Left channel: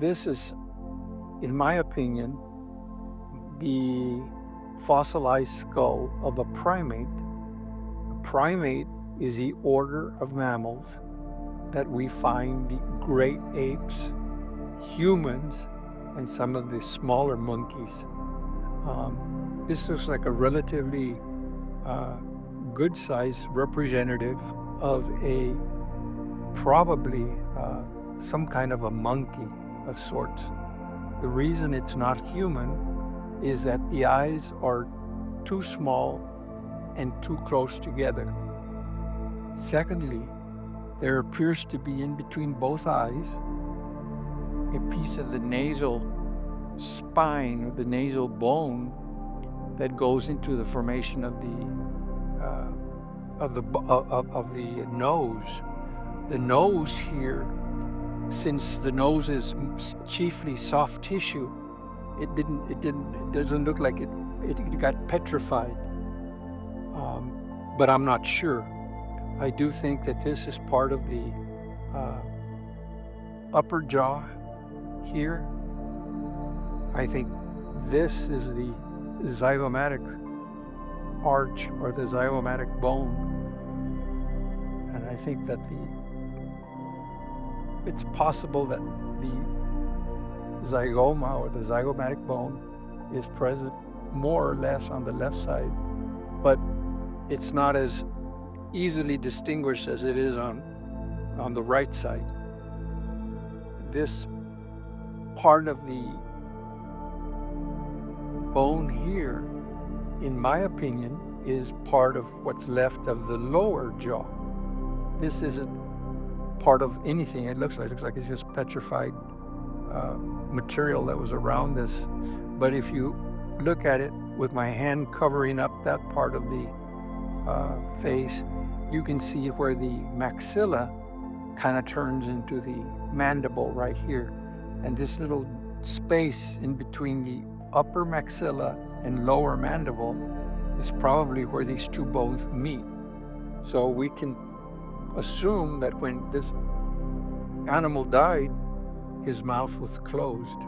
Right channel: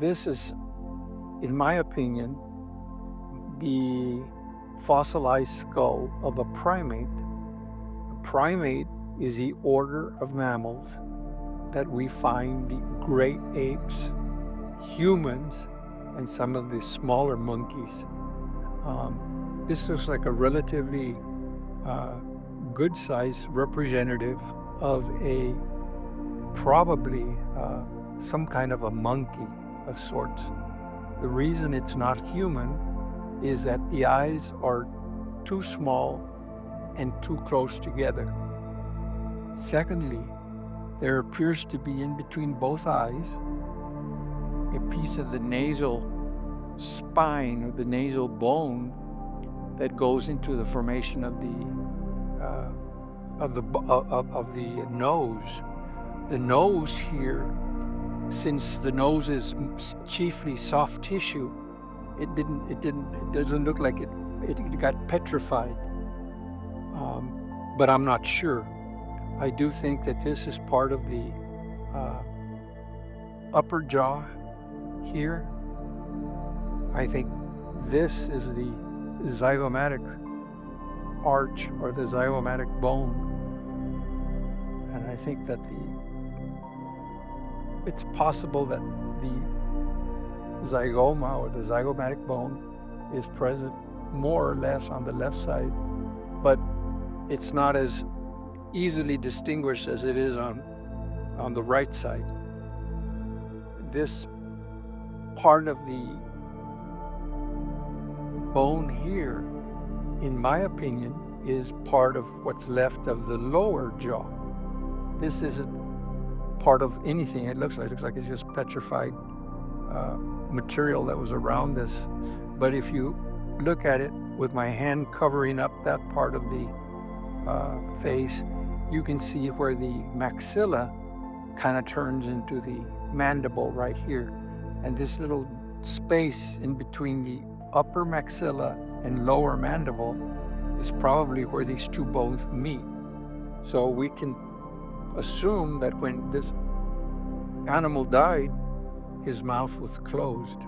this is, in my opinion, the fossilized skull of a primate. A primate is the order of mammals that we find the great apes, humans, and some of the smaller monkeys. This looks like a relatively good size representative of a probably some kind of a monkey of sorts. The reason it's not human is that the eyes are too small and too close together. Secondly, there appears to be in between both eyes a piece of the nasal spine or the nasal bone that goes into the formation of the nose. The nose here, since the nose is chiefly soft tissue, it doesn't look like it got petrified. But I'm not sure. I do think that this is part of the upper jaw here. I think this is the zygomatic arch or the zygomatic bone. And I think that it's possible that the zygoma or the zygomatic bone is present more or less on the left side, but it's not as easily distinguished as it is on the right side. This part of the bone here, in my opinion, is part of what's left of the lower jaw. This isn't part of anything. It looks like it's just petrified material that was around this. But if you look at it with my hand covering up that part of the face, you can see where the maxilla kind of turns into the mandible right here. And this little space in between the upper maxilla and lower mandible is probably where these two bones meet. So we can assume that when this animal died, his mouth was closed.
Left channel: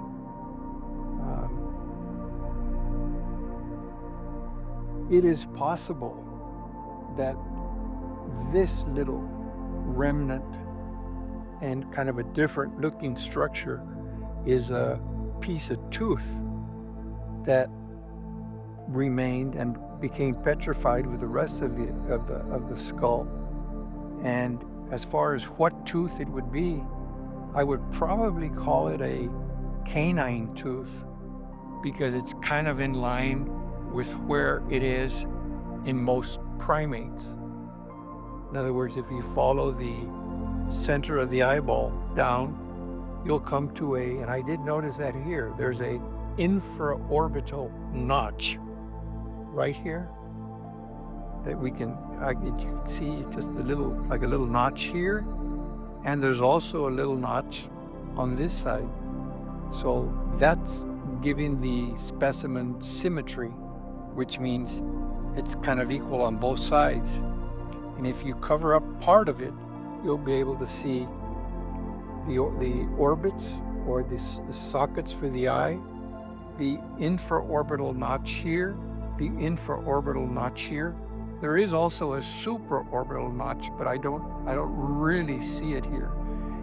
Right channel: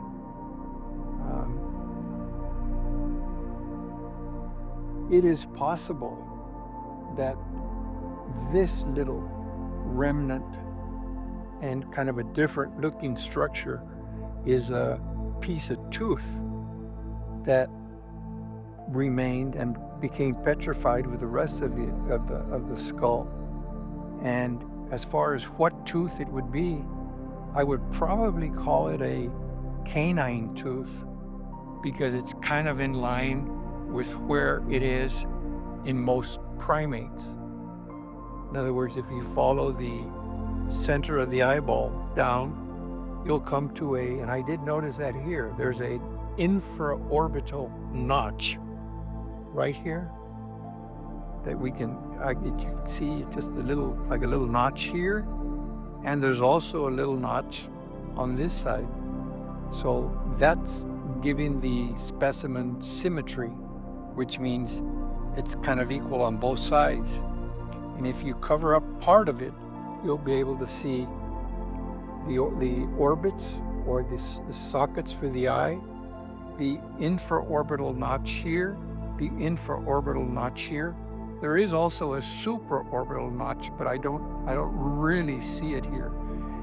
It is possible that this little remnant and kind of a different looking structure is a piece of tooth that remained and became petrified with the rest of the skull. And as far as what tooth it would be, I would probably call it a canine tooth, because it's kind of in line with where it is in most primates. In other words, if you follow the center of the eyeball down, you'll come to and I did notice that here, there's a infraorbital notch right here that you can see just a little notch here, and there's also a little notch on this side. So that's giving the specimen symmetry, which means it's kind of equal on both sides. And if you cover up part of it, you'll be able to see the orbits or the sockets for the eye, the infraorbital notch here, the infraorbital notch here. There is also a supraorbital notch, but I don't really see it here.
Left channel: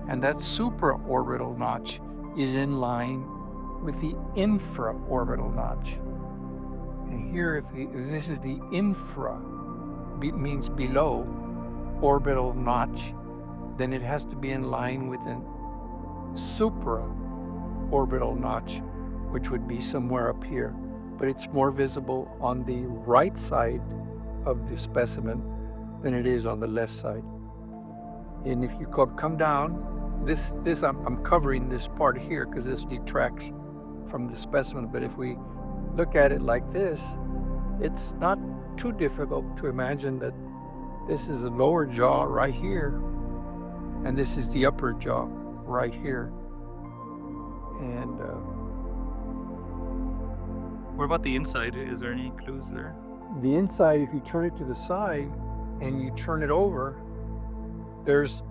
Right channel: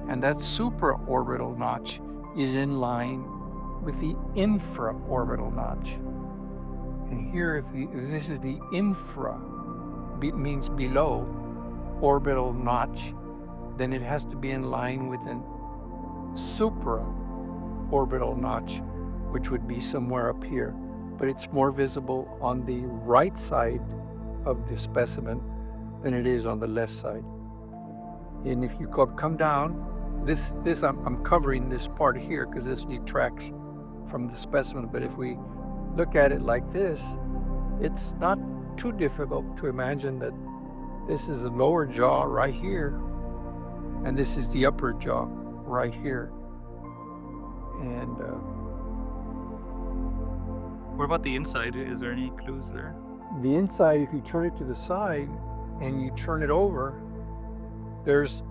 And that supraorbital notch is in line with the infraorbital notch. And here, if this is the infra, means below orbital notch, then it has to be in line with an supraorbital notch, which would be somewhere up here. But it's more visible on the right side of the specimen than it is on the left side. And if you come down, this I'm covering this part here because this detracts from the specimen. But if we look at it like this, it's not too difficult to imagine that this is the lower jaw right here, and this is the upper jaw right here. And what about the inside? Is there any clues there? The inside, if you turn it to the side and you turn it over, there's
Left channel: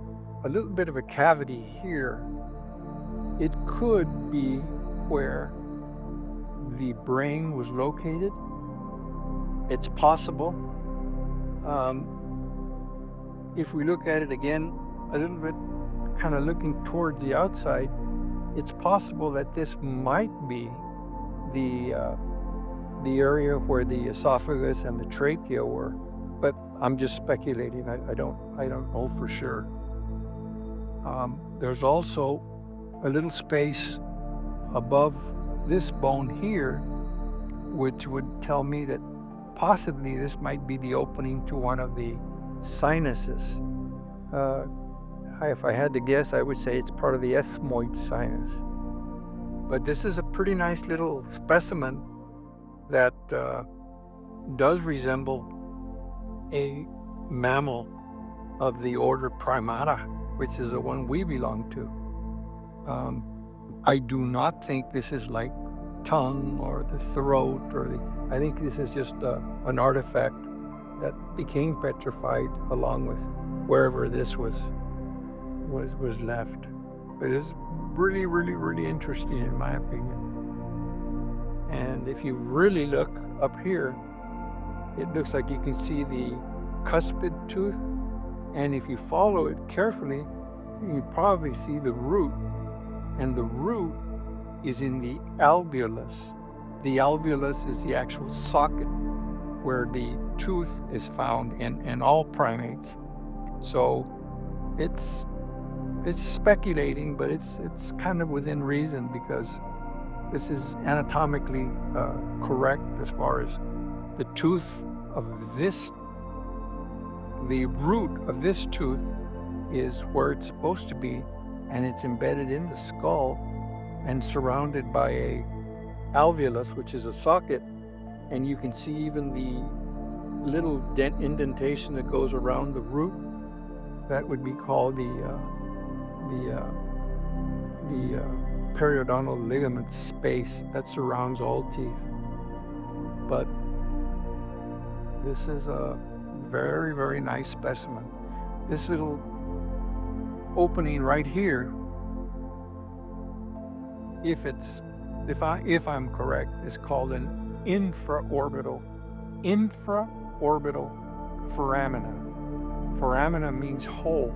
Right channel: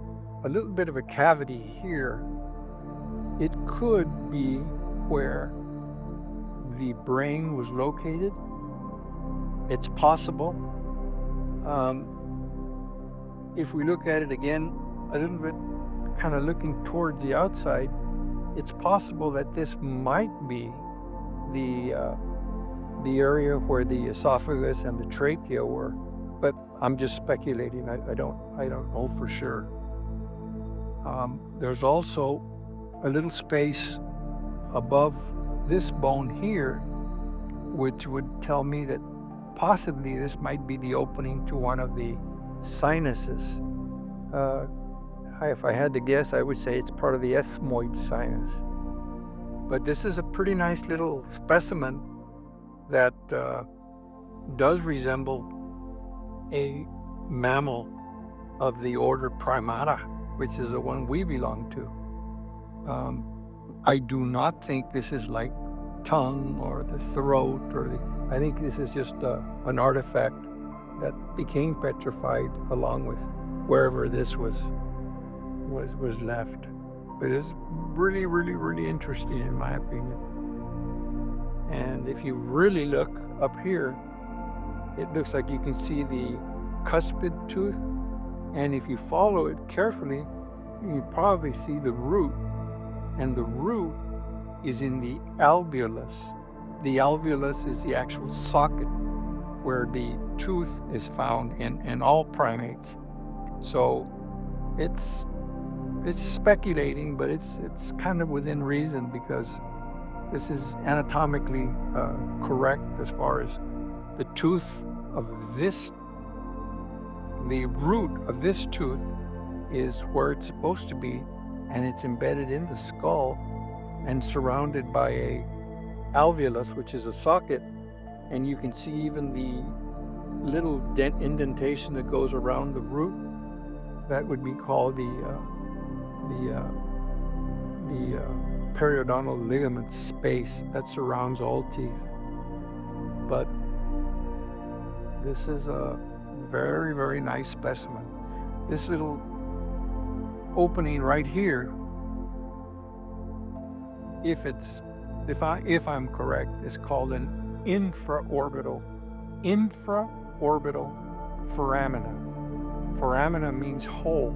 a little bit of a cavity here It could be where the brain was located. It's possible. If we look at it again a little bit, kind of looking towards the outside, it's possible that this might be the area where the esophagus and the trachea were, but I'm just speculating. I don't know for sure. There's also a little space above this bone here, which would tell me that possibly this might be the opening to one of the sinuses. If I had to guess, I would say it's part of the ethmoid sinus. But this is a pretty nice little specimen that does resemble a mammal of the order Primata, which is the one we belong to. I do not think this is like tongue or the throat I think this is just an artifact that became petrified along with wherever this was left. But it's really, really, really interesting in my opinion. And if you really look up here, it looks like you can see the cuspid tooth. And if you follow it carefully, you can probably see the root. And the root is in the alveolus. The alveolus is the actual socket where the tooth is found in all primates. So it's speculating, but it's kind of within reason, because this is anatomically correct as far as the tooth of the root of this tooth is where it's supposed to be, and it's embedded in the skull and surrounded by a alveolus, which is a socket, and you can see even the little indentation that goes around the root. That would be called the periodontal ligament space that surrounds all teeth. But this is a very, very nice specimen. This little opening right here, if I'm correct, is called an infraorbital foramina. Foramina means hole,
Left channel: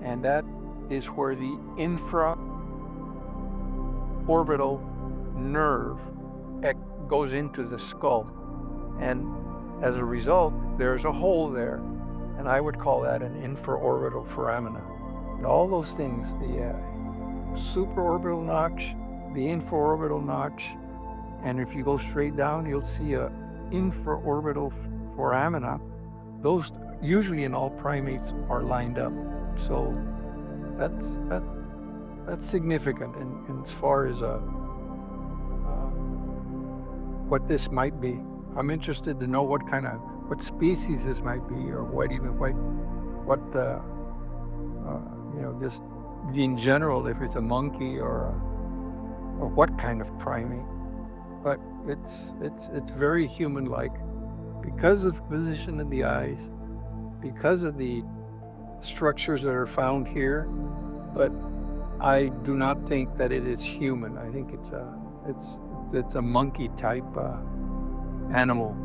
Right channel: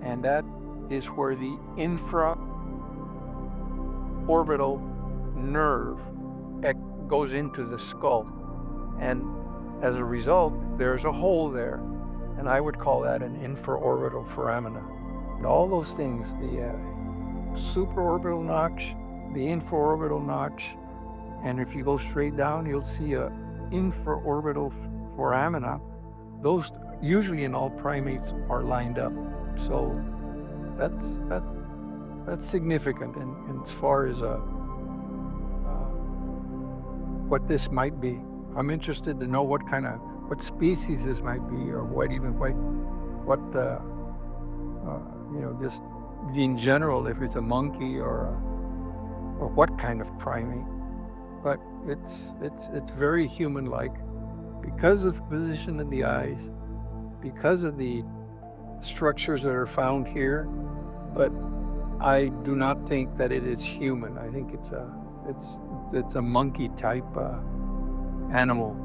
and that is where the infraorbital nerve goes into the skull. And as a result, there's a hole there, and I would call that an infraorbital foramina. And all those things, the supraorbital notch, the infraorbital notch, and if you go straight down, you'll see a infraorbital foramina. Those usually in all primates are lined up. So that's significant in as far as what this might be. I'm interested to know what species this might be, or just in general, if it's a monkey or what kind of primate. But it's very human-like because of the position of the eyes, because of the structures that are found here. But I do not think that it is human. I think it's a monkey type animal.